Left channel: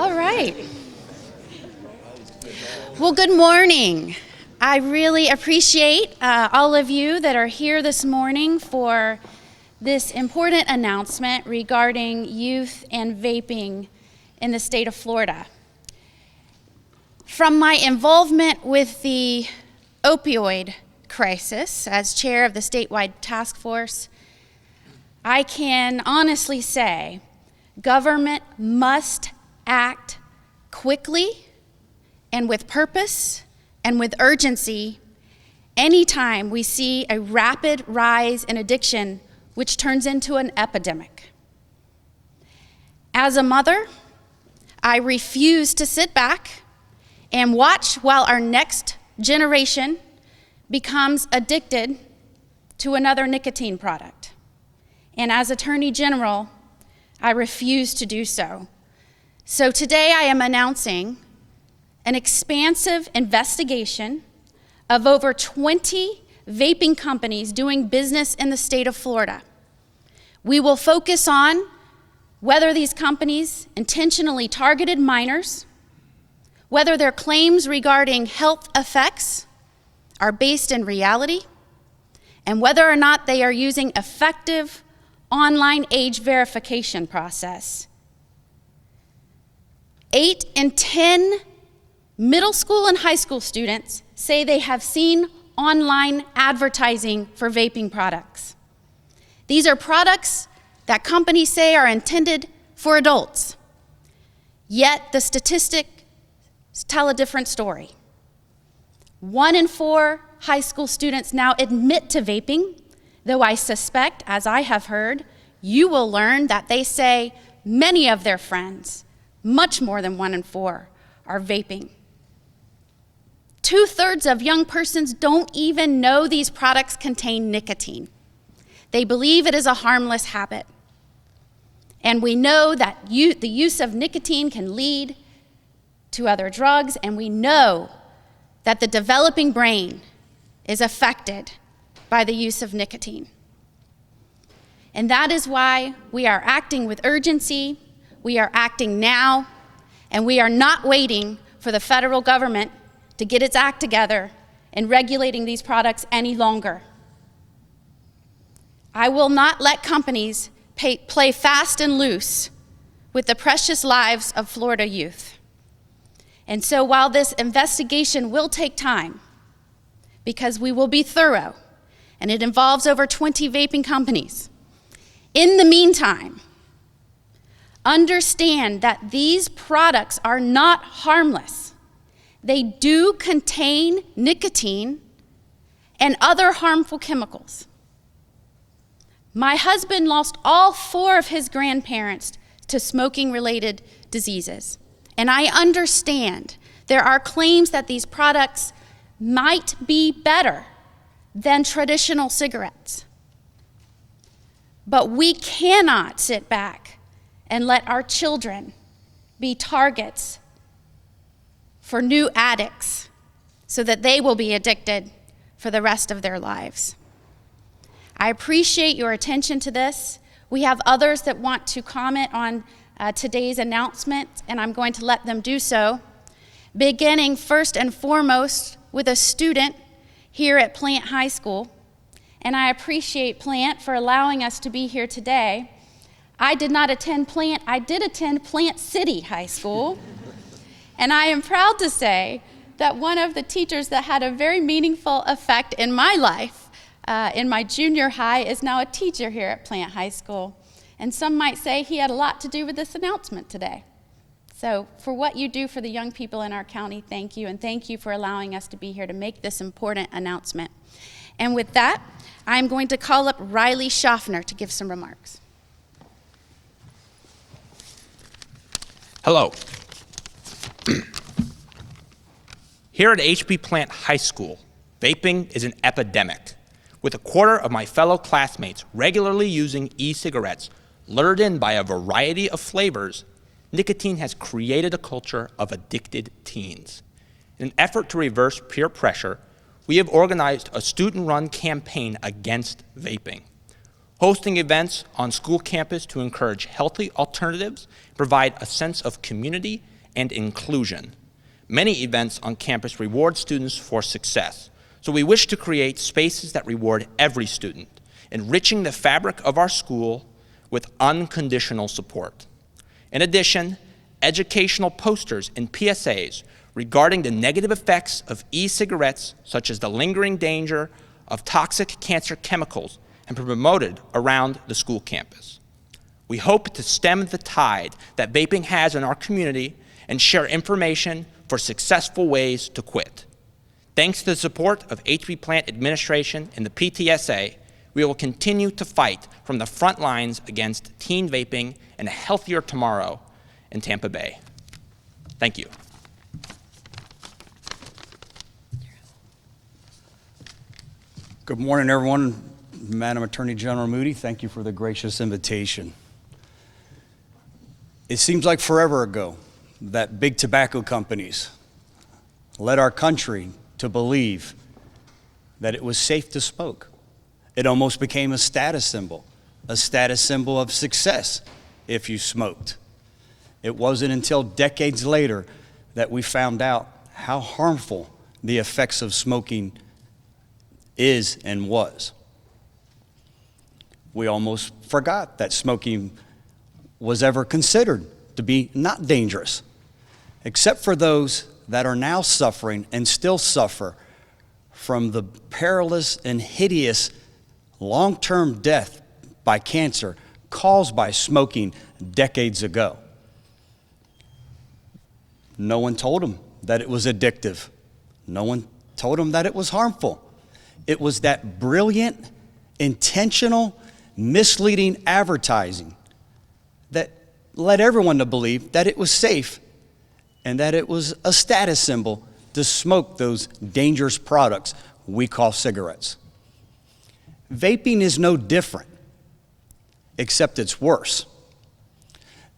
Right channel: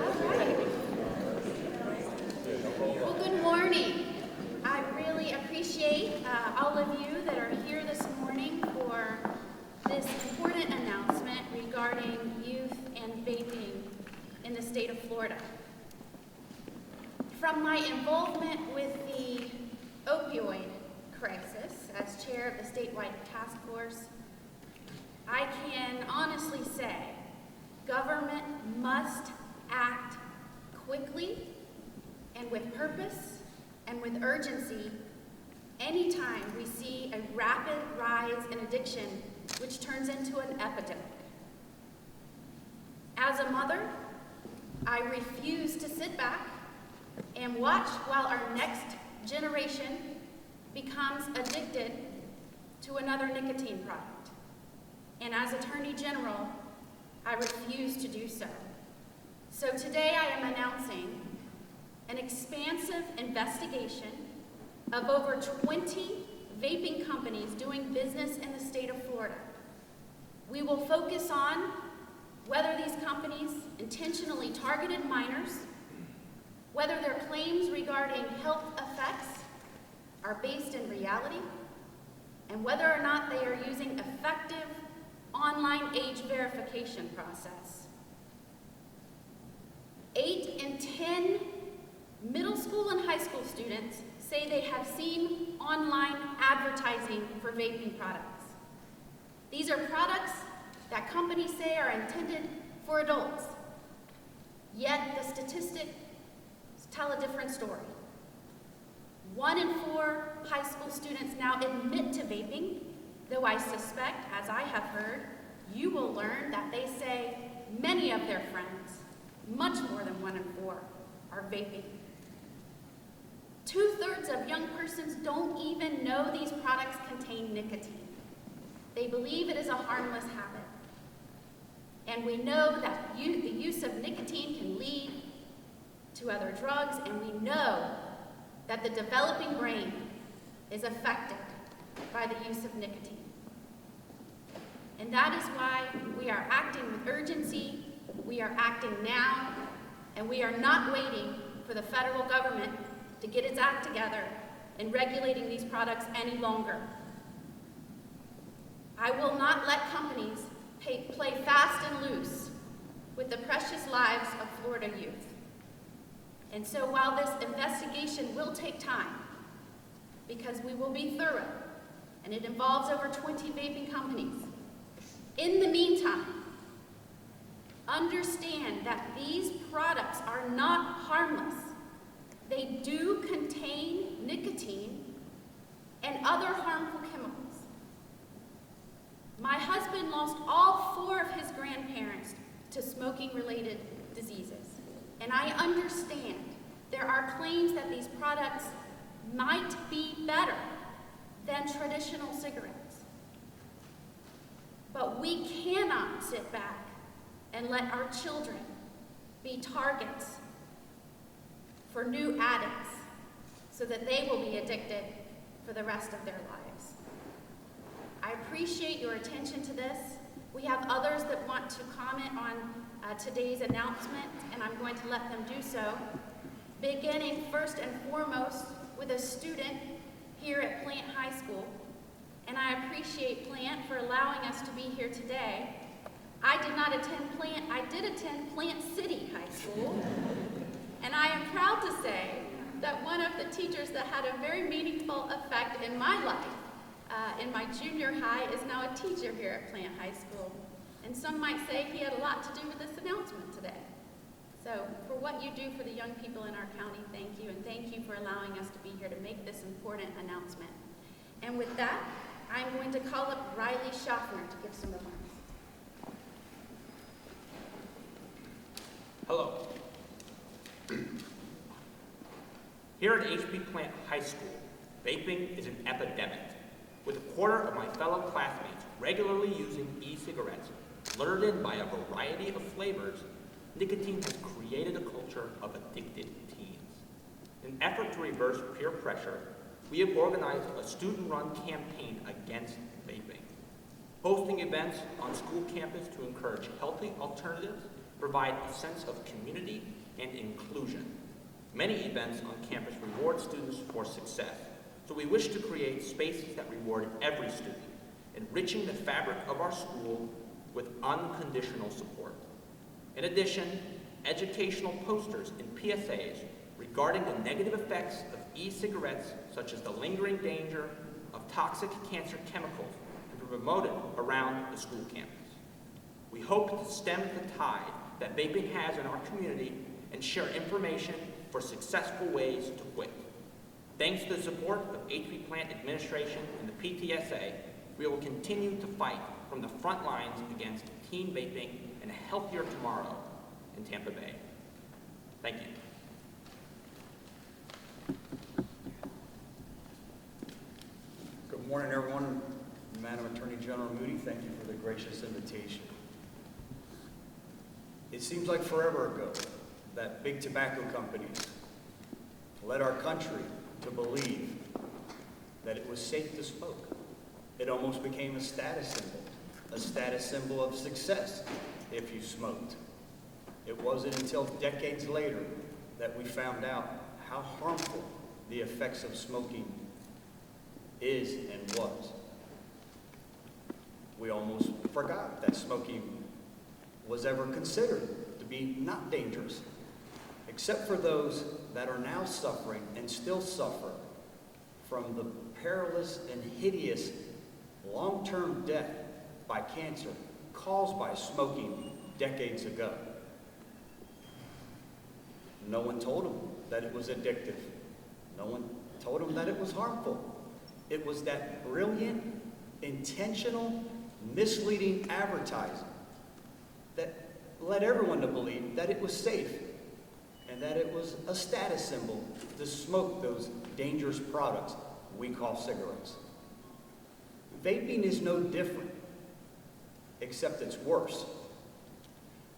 All right. Well, good morning. I really appreciate all of you that are here this morning for this important announcement regarding youth and vaping in the state of Florida. From my involvement with the opioid crisis as chair of the statewide task force, I can honestly say government must act quickly and with purpose and with urgency anytime we see a rapid rise in addiction which turns into an epidemic. As a mother, I refuse to sit back and watch while our next generation becomes addicted to another nicotine product. And as Attorney General, I refuse to do so. So today I am announcing an expansive investigation of over 20 vaping companies doing business in the state of Florida. We will focus on whether these companies intentionally targeted minors, whether their claims regarding health effects are based in reality, and whether or not they are using effective online age verification process. 8 in 10 middle school and high school students say they have seen online advertising for vaping products. These are products that companies say are intended for adults, yet the statistics tell a different story. 1 in 4 high school students now admit to vaping, though I suspect, as I have heard, you will learn that they say many of their friends, much more than 1 in 4, are vaping. 2/3 of young persons don't even know these products contain nicotine. They believe it is a harmless habit. And we know that the use of nicotine can lead to other drugs, and we know that the developing brain is affected by the use of nicotine. And that is why we are acting with urgency, we are acting now, and we are not waiting for the federal government to get its act together in regulating these products any longer. I will not let companies play fast and loose with the precious lives of Florida youth. And so while this investigation will take time, because we will be thorough, and it involves over 20 vaping companies, in the meantime, understand that these products are not harmless. They do contain nicotine and other harmful chemicals. My husband lost all 4 of his grandparents to smoking-related diseases. And I understand there are claims that these products might be better than traditional cigarettes. But we cannot sit back and let our children be targets for new addicts so that they will be addicted for the rest of their lives. I appreciate your attention to this. We have others that want to comment on today's announcement, and I'm going to let them do so, beginning first and foremost with a student here at Plant High School. And I appreciate Plant for allowing us to be here today. I did not attend Plant, I did attend Plant City High School. And I am proud to say that one of the teachers that had a very meaningful effect in my life, in my junior high, is now a teacher here at Plant High School. And some might say he had a lot to do with this announcement today. So for what you do for the young people in our county, thank you, and thank you for allowing us to be here to make this important announcement. And with that, I'm going to call up Riley Schaffner to give some remarks. Hello. Here at HP Plant High School, vaping is an epidemic, with 1/4 of my fellow classmates regularly using e-cigarettes lured in by a variety of flavors. Nicotine has created a culture of addicted teens. In an effort to reverse peer pressure, we have organized a student-run campaign against vaping. hosting events on school campus to encourage healthy alternatives, provide a sense of community and inclusion. Many events on campus reward students for success, so we wish to create spaces that reward every student, enriching the fabric of our school with unconditional support. In addition, educational posters and PSAs regarding the negative effects of e-cigarettes, such as the lingering danger of toxic cancer chemicals, have been promoted around the school campus. We hope to stem the tide that vaping has in our community and share information for successful ways to quit. Thanks to the support of HP Plant Administration and the PTSA, we will continue to fight from the front lines against teen vaping and a healthier tomorrow in Tampa Bay. Thank you. Good morning, everyone. Madam Attorney General Moody, thank you for the gracious invitation. It seems like forever ago that big tobacco companies led our country to believe that it was safe to smoke. It almost became a status symbol of success if you smoked. It wasn't until decades later that we found out how harmful the effects of smoking is and was. We almost forgot that smoking was ever considered to be not dangerous, except for those that are now suffering and still suffer from the perilous and hideous long-term death by cancer caused by smoking decades ago. No one told them that it was addictive. No one told them that it was harmful. It was that brilliant, intentional, misleading advertising that led everyone to believe that it was safe and that it was a status symbol to smoke those dangerous products we call cigarettes. Vaping is no different, except it's worse.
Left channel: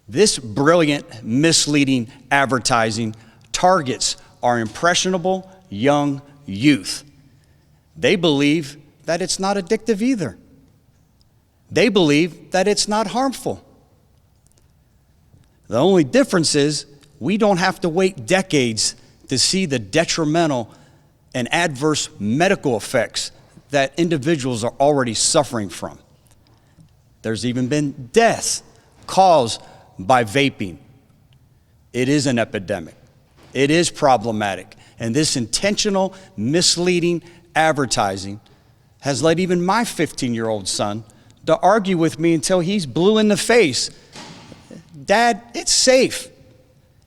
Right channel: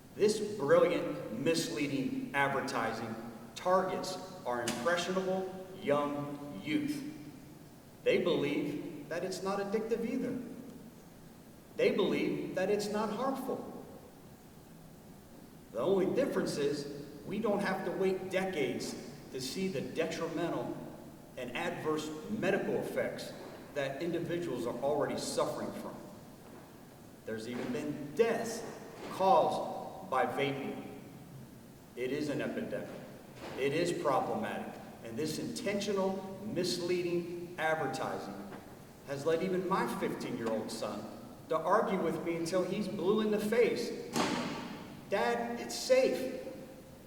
This brilliant, misleading advertising targets our impressionable young youth. They believe that it's not addictive either. They believe that it's not harmful. The only difference is we don't have to wait decades to see the detrimental and adverse medical effects that individuals are already suffering from. There's even been deaths caused by vaping. It is an epidemic. It is problematic. And this intentional, misleading advertising has led even my 15-year-old son to argue with me until he's blue in the face. Dad, it's safe.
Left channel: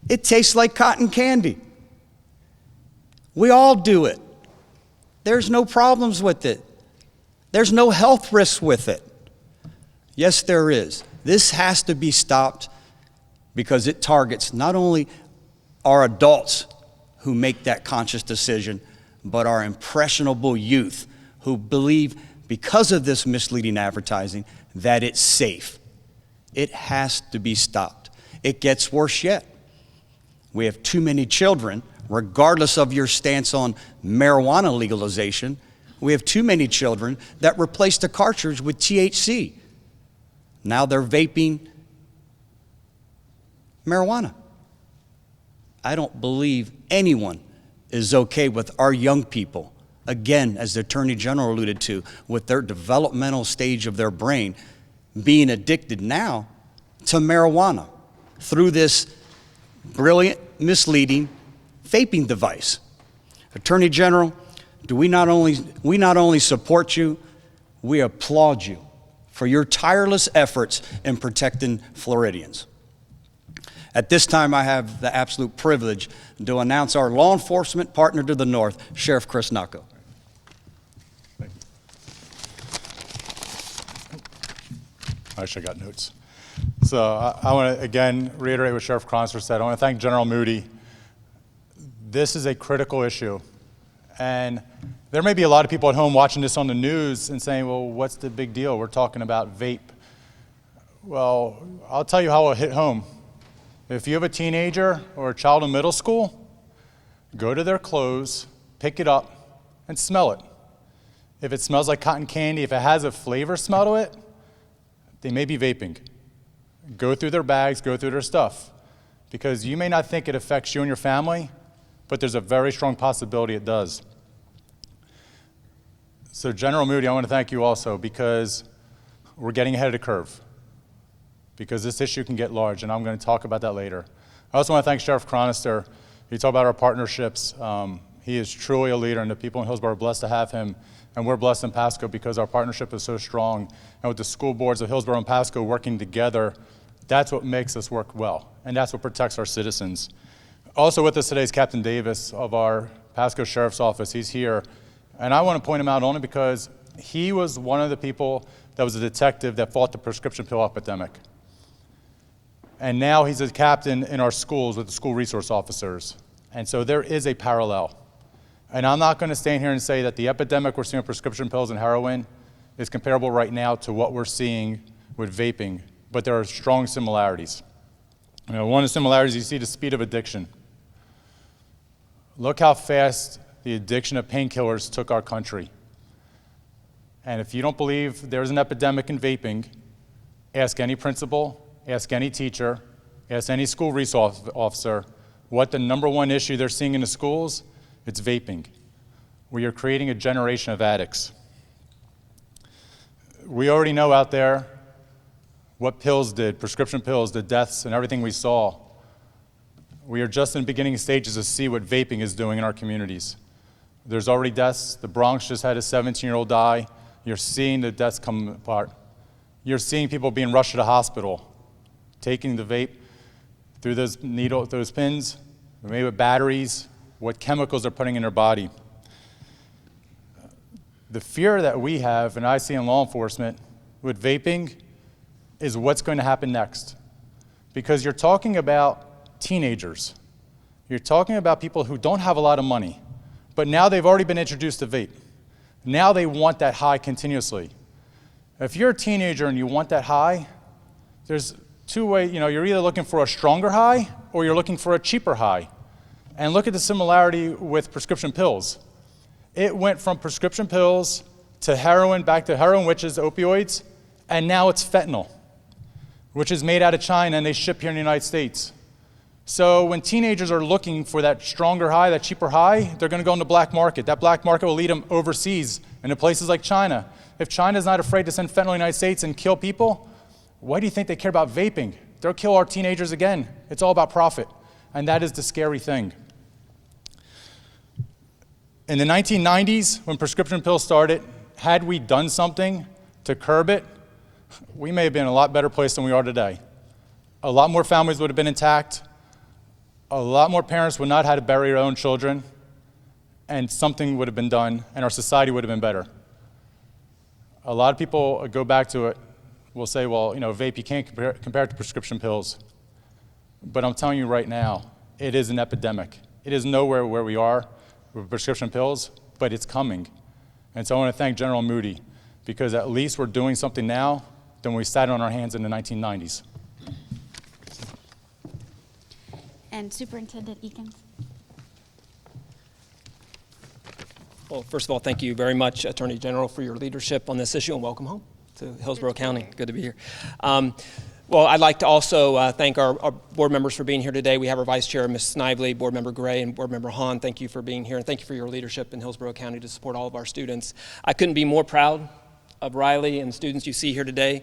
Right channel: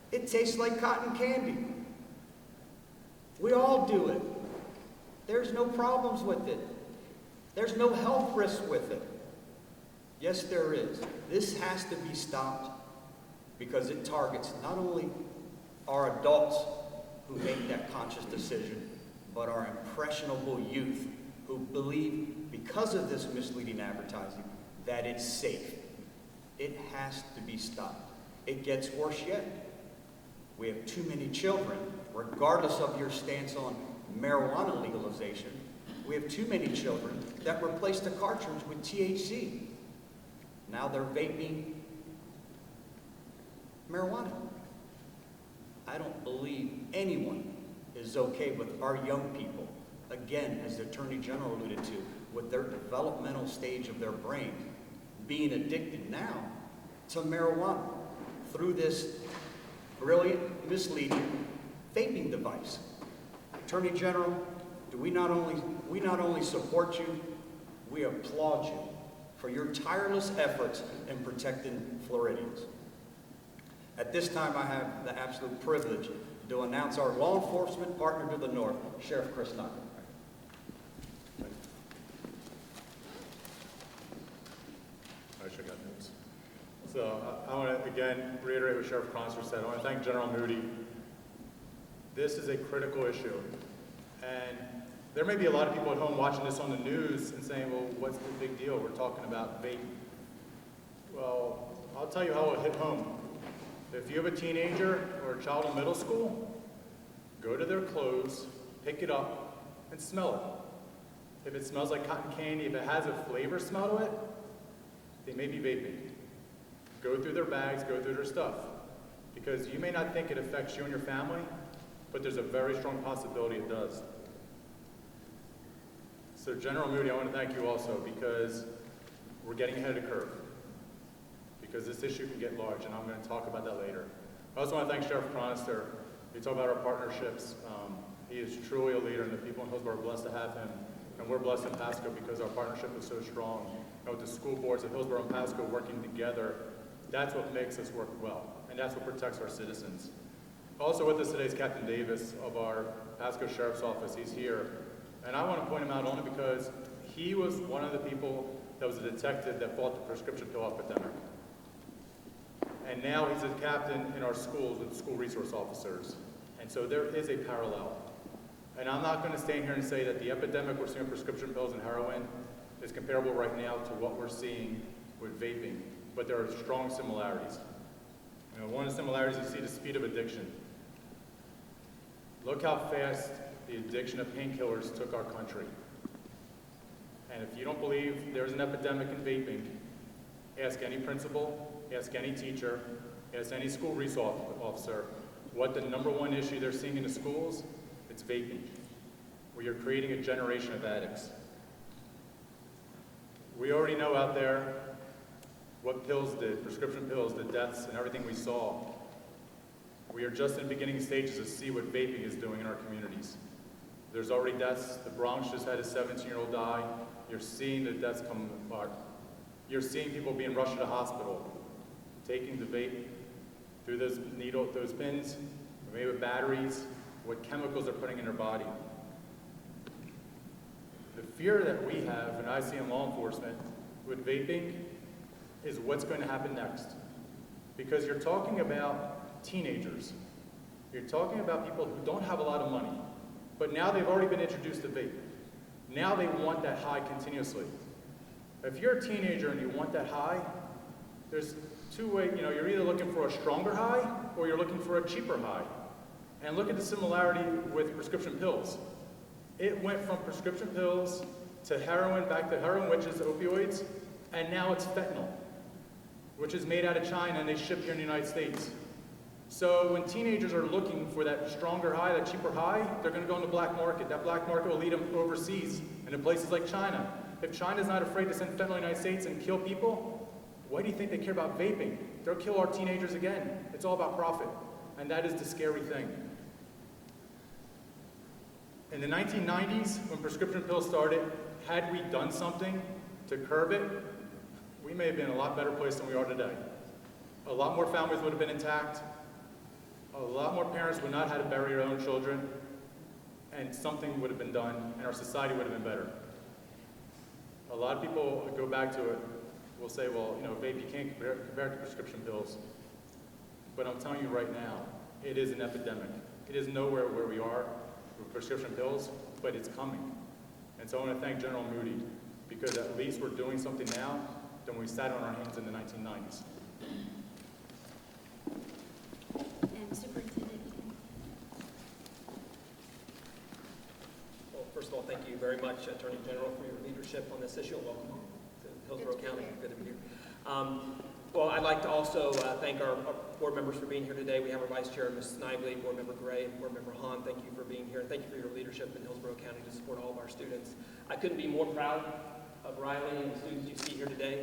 It tastes like cotton candy. We all do it. There's no problems with it. There's no health risks with it. Yes, there is. This has to be stopped because it targets not only our adults who make that conscious decision, but our impressionable youth who believe because of this misleading advertising that it's safe. It has to be stopped. It gets worse yet. We have too many children, regardless of your stance on marijuana legalization, we have too many children that replace the cartridge with THC. Now they're vaping marijuana. I don't believe anyone is okay with our young people, again, as the Attorney General alluded to, with their developmental stage of their brain, being addicted now to marijuana through this brilliant, misleading vaping device. Attorney General, we not only support you, we applaud you for your tireless efforts in protecting Floridians. At this time, I have the absolute privilege to announce our law enforcement partner to the north, Sheriff Chris Nacco. I actually got notes. So I want to, again, reiterate what Sheriff Cronster said. I want to thank General Moody. This is a critical issue. And there may be a lot of people at home watching this on the news and saying, well, what's the big deal? We're talking about vape. Well, I'll tell you how it'll hit home. If you have a teenager or a child in middle school, go to their clothes, pick it up, and smell it. If it smells like cotton candy, if it has a flavor smell to it, they may be vaping. Go through their bags, go through their stuff, because you may not think it affects you and your family, but there's a very strong possibility it does. So General Moody, I want to thank you also, because we're getting ahead of the curve, because this issue can get large, and I'm going to talk about that later. I also want to thank Sheriff Chronister. You talk about our partnerships. He is truly a leader, and the people in Hillsborough are blessed to have him, and we're blessed in Pasco because our partnership is so strong. And with the school boards of Hillsborough and Pasco working together, that's what makes us work well, and that's what protects our citizens. Also with us today is Captain Davis of our Pasco Sheriff's Office. He's here, and I want to point him out only because he was one of the people that was a detective that fought the prescription pill epidemic. And now he's a captain in our schools with the school resource officers. And so there is a parallel. And I'm not going to stand here and say that the epidemic we're seeing with prescription pills and heroin is comparable right now to what we're seeing with vaping, but there are strong similarities. You know, one of the similarities, you see the speed of addiction. Look how fast the addiction of painkillers took our country. And if you don't believe there's an epidemic in vaping, ask any principal, ask any teacher, ask any school resource officer what the #1 issue they're seeing in the schools. It's vaping. We are creating a generation of addicts. We already know out there what pills did, prescription pills, the deaths and everything we saw. We are just in the beginning stages to see what vaping is doing in our communities. There's already deaths. The Bronx just had a 17-year-old die. You're seeing the deaths come apart. You're seeing people being rushed to the hospital, taking the vape through those pins, maybe with batteries, what chemicals they're putting in their body. The fear that we have, and I see in law enforcement, with vaping, is what's going to happen next. Because you're talking about teenagers. You're talking about people who don't have a lot of money, but now they've already been introduced to vape. Now they want that high continuously. If you're a teenager and you want that high, there's two ways, you're either looking for a stronger high or you're looking for a cheaper high. And look at the similarity with prescription pills. It went from prescription pills to heroin, back to heroin, which is opioids, and now it's fentanyl, which is made out of China and they ship here in the United States. So when teenagers are looking for that stronger high, that cheaper high, they're going to go in the black market. That black market will lead them overseas into places like China. If China's not afraid to send fentanyl to the United States and kill people, why do you think they care about vaping? They'll kill our teenagers again. It's all about profit, and that is the scary thing. In the 1990s, when prescription pills started, had we done something to curb it, we may have been in a lot better place than we are today. A lot more families would have been intact. A lot more parents would not have had to bury their own children, and something would have been done, and our society would have been better. A lot of people go back to it, will say, well, vape, you can't compare it to prescription pills. But I'm telling you right now, it is an epidemic. It is nowhere where we are with prescription pills, but it's coming. And so I want to thank General Moody, because at least we're doing something now than we sat on our hands in the 1990s. And Superintendent Eakins. Well, first of all, thank you very much, Attorney General, for your leadership on this issue, and welcome home to Hillsborough County. Good to be here. Well, I'd like to also thank our board members for being here today. We have our Vice Chair, Ms. Snively, Board Member Gray, and Board Member Hahn. Thank you for being here, and thank you for your leadership in Hillsborough County to support all of our students. I couldn't be more proud of Riley and students you see here today.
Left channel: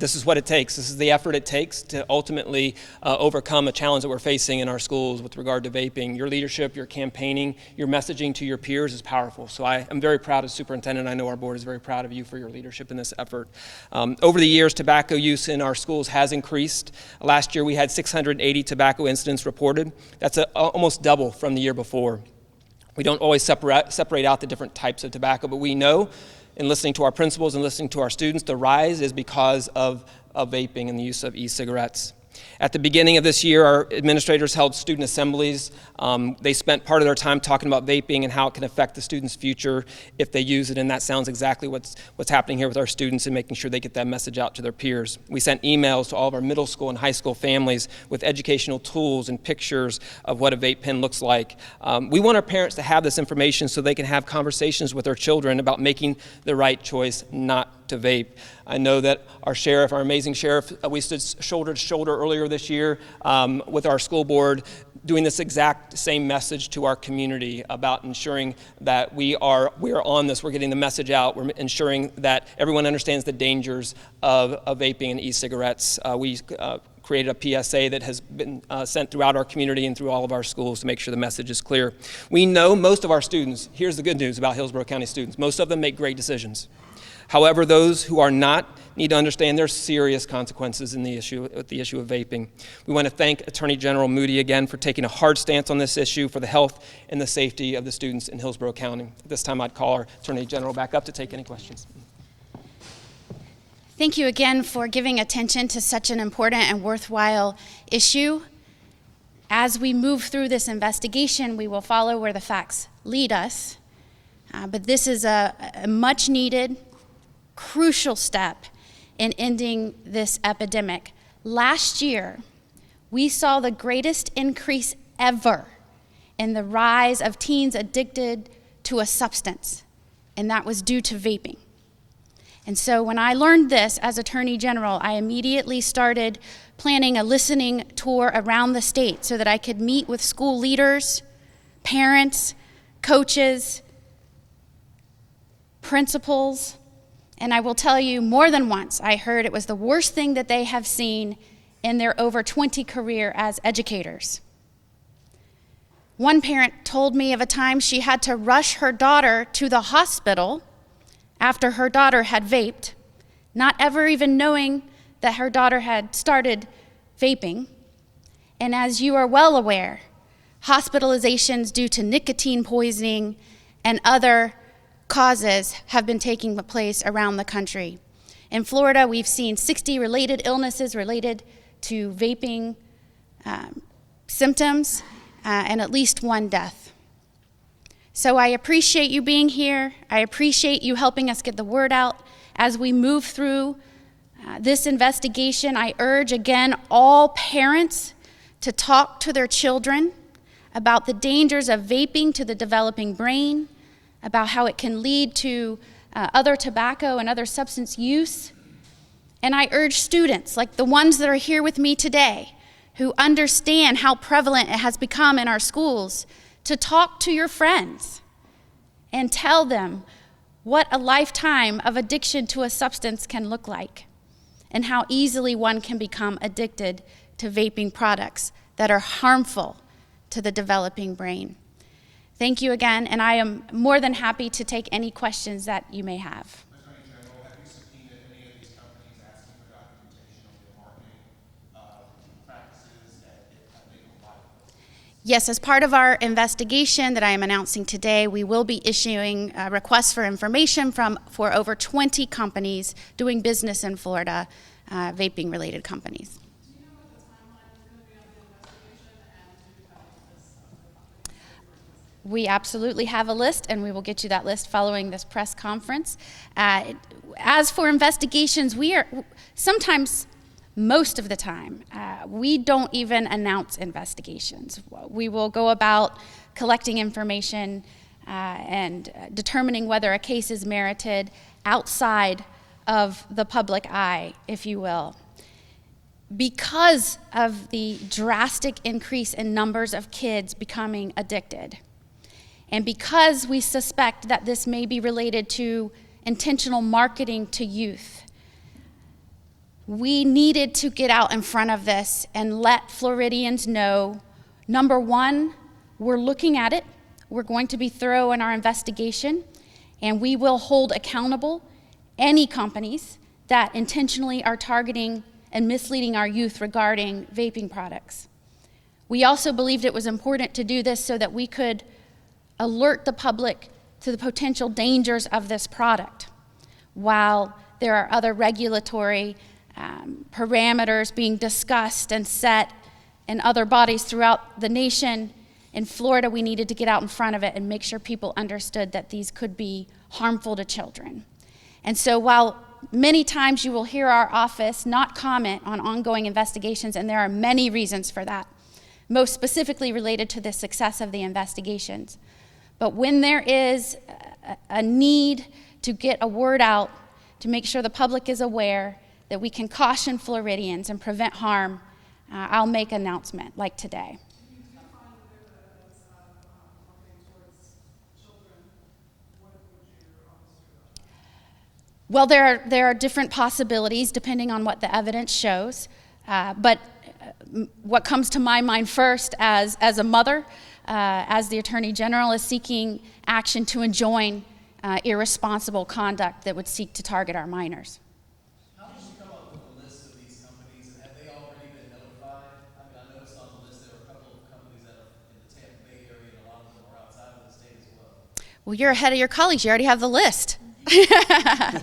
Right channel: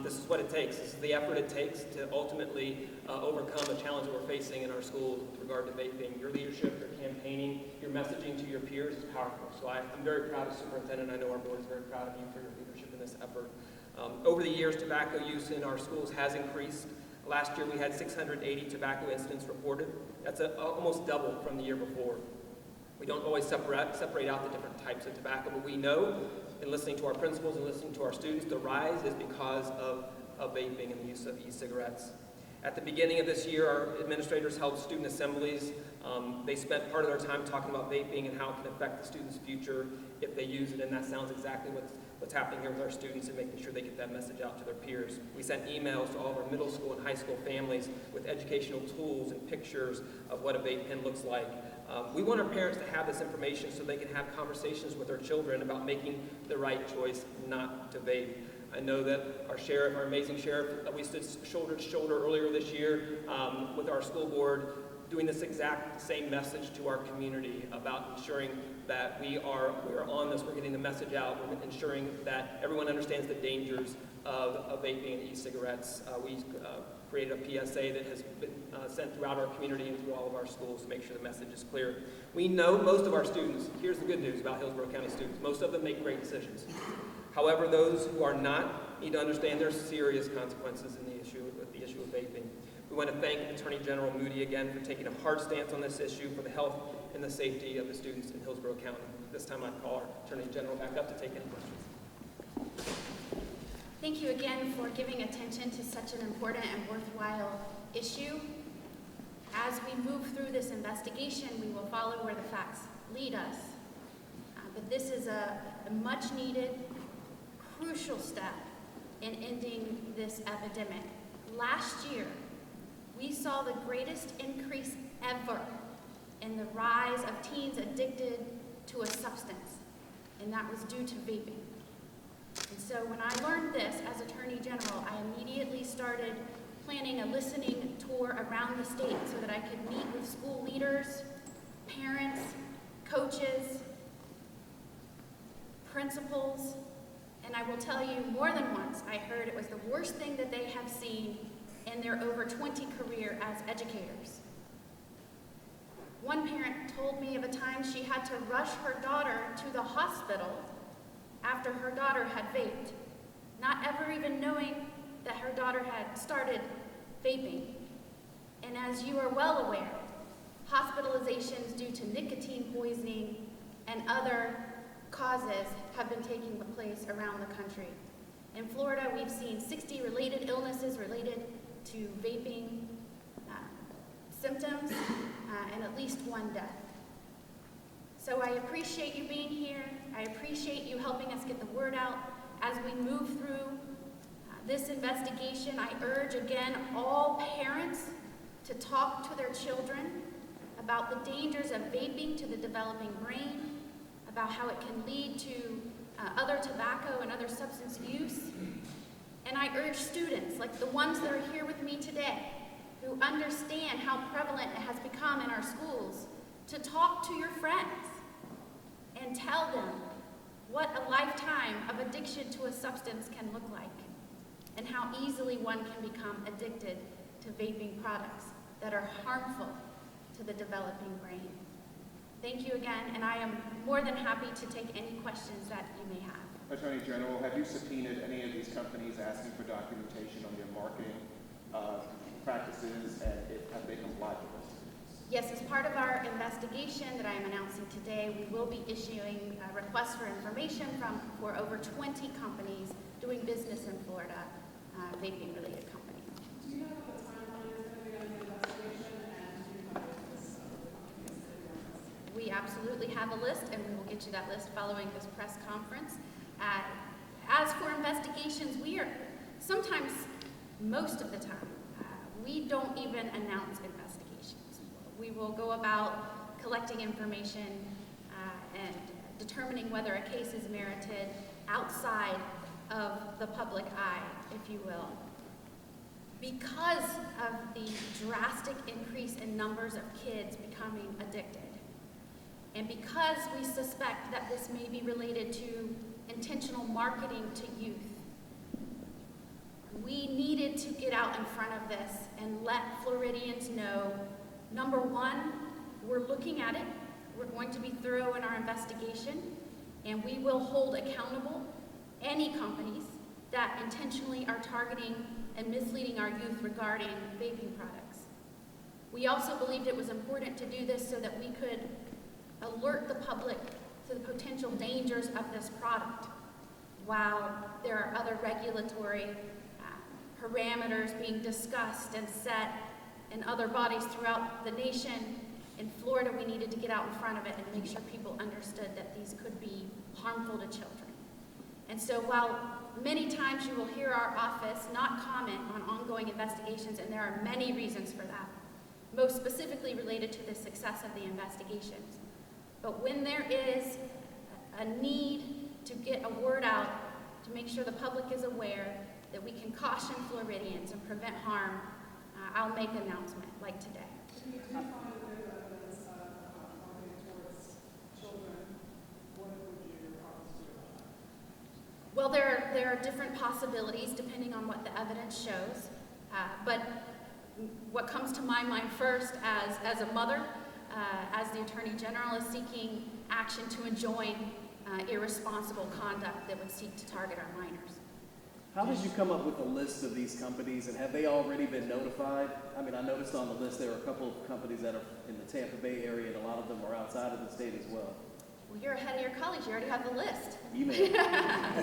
This is what it takes. This is the effort it takes to ultimately overcome a challenge that we're facing in our schools with regard to vaping. Your leadership, your campaigning, your messaging to your peers is powerful. So I am very proud as superintendent. I know our board is very proud of you for your leadership in this effort. Over the years, tobacco use in our schools has increased. Last year, we had 680 tobacco incidents reported. That's almost double from the year before. We don't always separate out the different types of tobacco, but we know in listening to our principals and listening to our students, the rise is because of vaping and the use of e-cigarettes. At the beginning of this year, our administrators held student assemblies. They spent part of their time talking about vaping and how it can affect the students' future if they use it, and that sounds exactly what's happening here with our students and making sure they get that message out to their peers. We sent emails to all of our middle school and high school families with educational tools and pictures of what a vape pen looks like. We want our parents to have this information so they can have conversations with their children about making the right choice not to vape. I know that our sheriff, our amazing sheriff, we stood shoulder to shoulder earlier this year with our school board, doing this exact same message to our community about ensuring that we are on this, we're getting the message out, we're ensuring that everyone understands the dangers of vaping and e-cigarettes. We created a PSA that has been sent throughout our community and through all of our schools to make sure the message is clear. We know most of our students, here's the good news about Hillsborough County students, most of them make great decisions. However, those who are not need to understand there are serious consequences in the issue of vaping. We want to thank Attorney General Moody again for taking a hard stance on this issue for the health and the safety of the students in Hillsborough County. At this time, I'd call our Attorney General back up to take any questions. Thank you again for giving attention to such an important and worthwhile issue. As we move through this investigation, we will follow where the facts lead us. But this is a much needed, crucial step in ending this epidemic. Last year, we saw the greatest increase ever in the rise of teens addicted to a substance, and that was due to vaping. And so when I learned this as Attorney General, I immediately started planning a listening tour around the state so that I could meet with school leaders, parents, coaches, principals, and I will tell you more than once, I heard it was the worst thing that they have seen in their over 20 career as educators. One parent told me of a time she had to rush her daughter to the hospital after her daughter had vaped, not ever even knowing that her daughter had started vaping. And as you are well aware, hospitalizations due to nicotine poisoning and other causes have been taking place around the country. In Florida, we've seen 60 related illnesses related to vaping symptoms and at least one death. So I appreciate you being here. I appreciate you helping us get the word out. As we move through this investigation, I urge again all parents to talk to their children about the dangers of vaping to the developing brain, about how it can lead to other tobacco and other substance use. And I urge students, like the ones that are here with me today, who understand how prevalent it has become in our schools, to talk to your friends and tell them what a lifetime of addiction to a substance can look like and how easily one can become addicted to vaping products that are harmful to the developing brain. Thank you again, and I am more than happy to take any questions that you may have. Attorney General, have you subpoenaed any of these companies asking for documentation on their marketing practices, and have they complied with this? Yes, as part of our investigation that I am announcing today, we will be issuing requests for information for over 20 companies doing business in Florida, vaping-related companies. We absolutely have a list, and we will get you that list following this press conference. As for investigations, we are sometimes, most of the time, we don't even announce investigations. We will go about collecting information and determining whether a case is merited outside of the public eye, if you will. Because of the drastic increase in numbers of kids becoming addicted, and because we suspect that this may be related to intentional marketing to youth, we needed to get out in front of this and let Floridians know, number one, we're looking at it. We're going to be thorough in our investigation, and we will hold accountable any companies that intentionally are targeting and misleading our youth regarding vaping products. We also believed it was important to do this so that we could alert the public to the potential dangers of this product, while there are other regulatory parameters being discussed and set in other bodies throughout the nation. In Florida, we needed to get out in front of it and make sure people understood that these could be harmful to children. And so while many times you will hear our office not comment on ongoing investigations, and there are many reasons for that, most specifically related to the success of the investigations, but when there is a need to get a word out to make sure the public is aware that we can caution Floridians and prevent harm, I'll make an announcement like today. Well, there are different possibilities depending on what the evidence shows, but what comes to my mind first as a mother, as the Attorney General, is seeking action to enjoin irresponsible conduct that would seek to target our minors. How did you come up with a list of these companies, and have they already been notified? I mean, I noticed on the list there were a couple of companies that are in the Tampa Bay area, and a lot of them are outside of the state as well. Well, you're ahead of your colleagues. You already have the list. The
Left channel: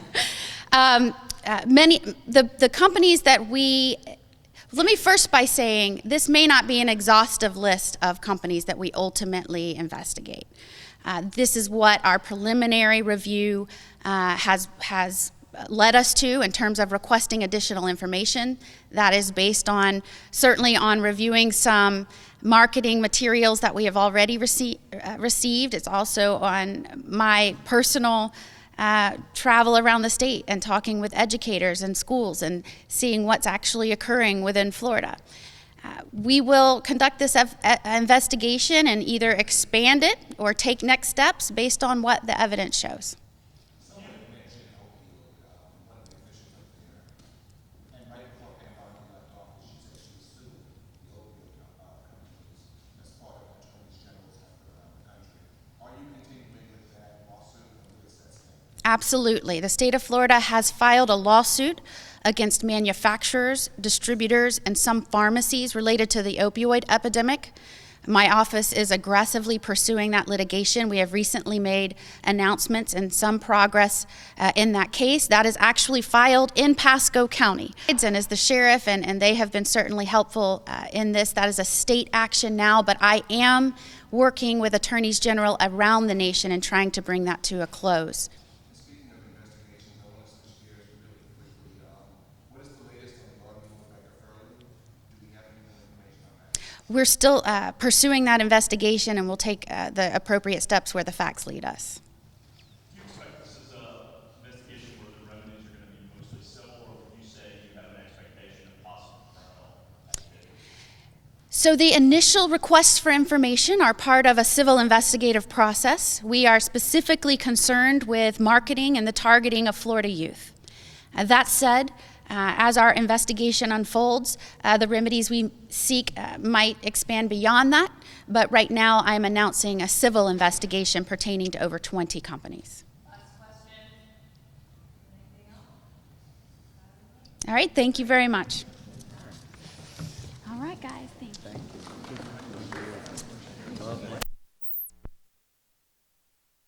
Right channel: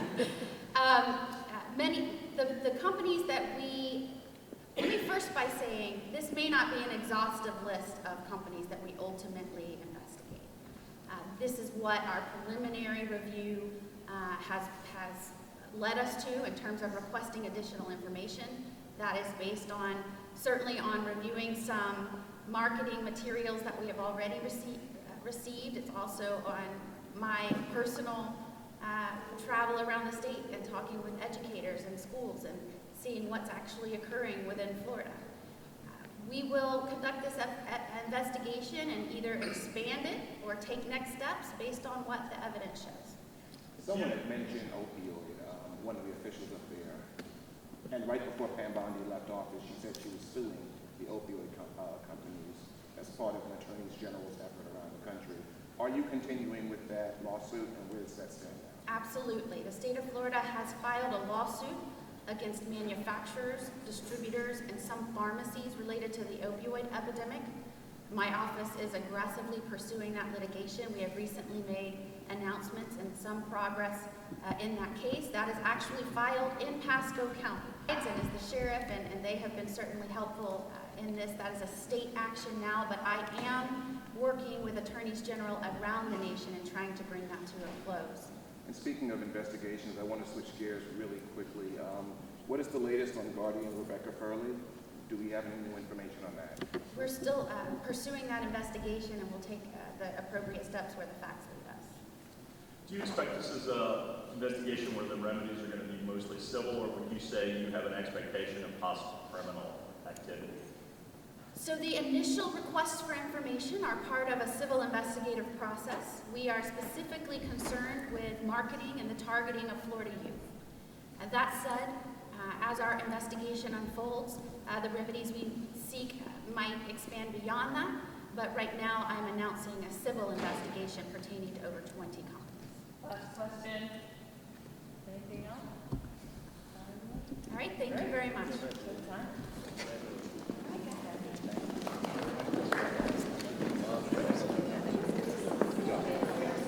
companies that let me first by saying this may not be an exhaustive list of companies that we ultimately investigate. This is what our preliminary review has led us to in terms of requesting additional information. That is based on, certainly on reviewing some marketing materials that we have already received. It's also on my personal travel around the state and talking with educators and schools and seeing what's actually occurring within Florida. We will conduct this investigation and either expand it or take next steps based on what the evidence shows. Someone had mentioned opioid, one of the officials up there, and right before Pam Bondi left office, she said she was suing the opioid companies as part of an attorney general's effort around the country. Are you continuing with that lawsuit, and where does that stand? Absolutely. The state of Florida has filed a lawsuit against manufacturers, distributors, and some pharmacies related to the opioid epidemic. My office is aggressively pursuing that litigation. We have recently made announcements and some progress in that case. That is actually filed in Pasco County. And as the sheriff, and they have been certainly helpful in this, that is a state action now, but I am working with attorneys general around the nation and trying to bring that to a close. And speaking of investigations, I want to switch gears really quickly. What is the latest on Guardian Rebecca Furley? Do we have any new information on that? We're still pursuing that investigation, and we'll take the appropriate steps where the facts lead us. Do you expect this is an investigation where the remedies are going to be mostly civil, or would you say you have an expectation of possible criminal activity? So the initial requests for information are part of a civil investigative process. We are specifically concerned with marketing and the targeting of Florida youth. That said, as our investigation unfolds, the remedies we seek might expand beyond that, but right now I'm announcing a civil investigation pertaining to over 20 companies. Last question. Anything else? All right, thank you very much.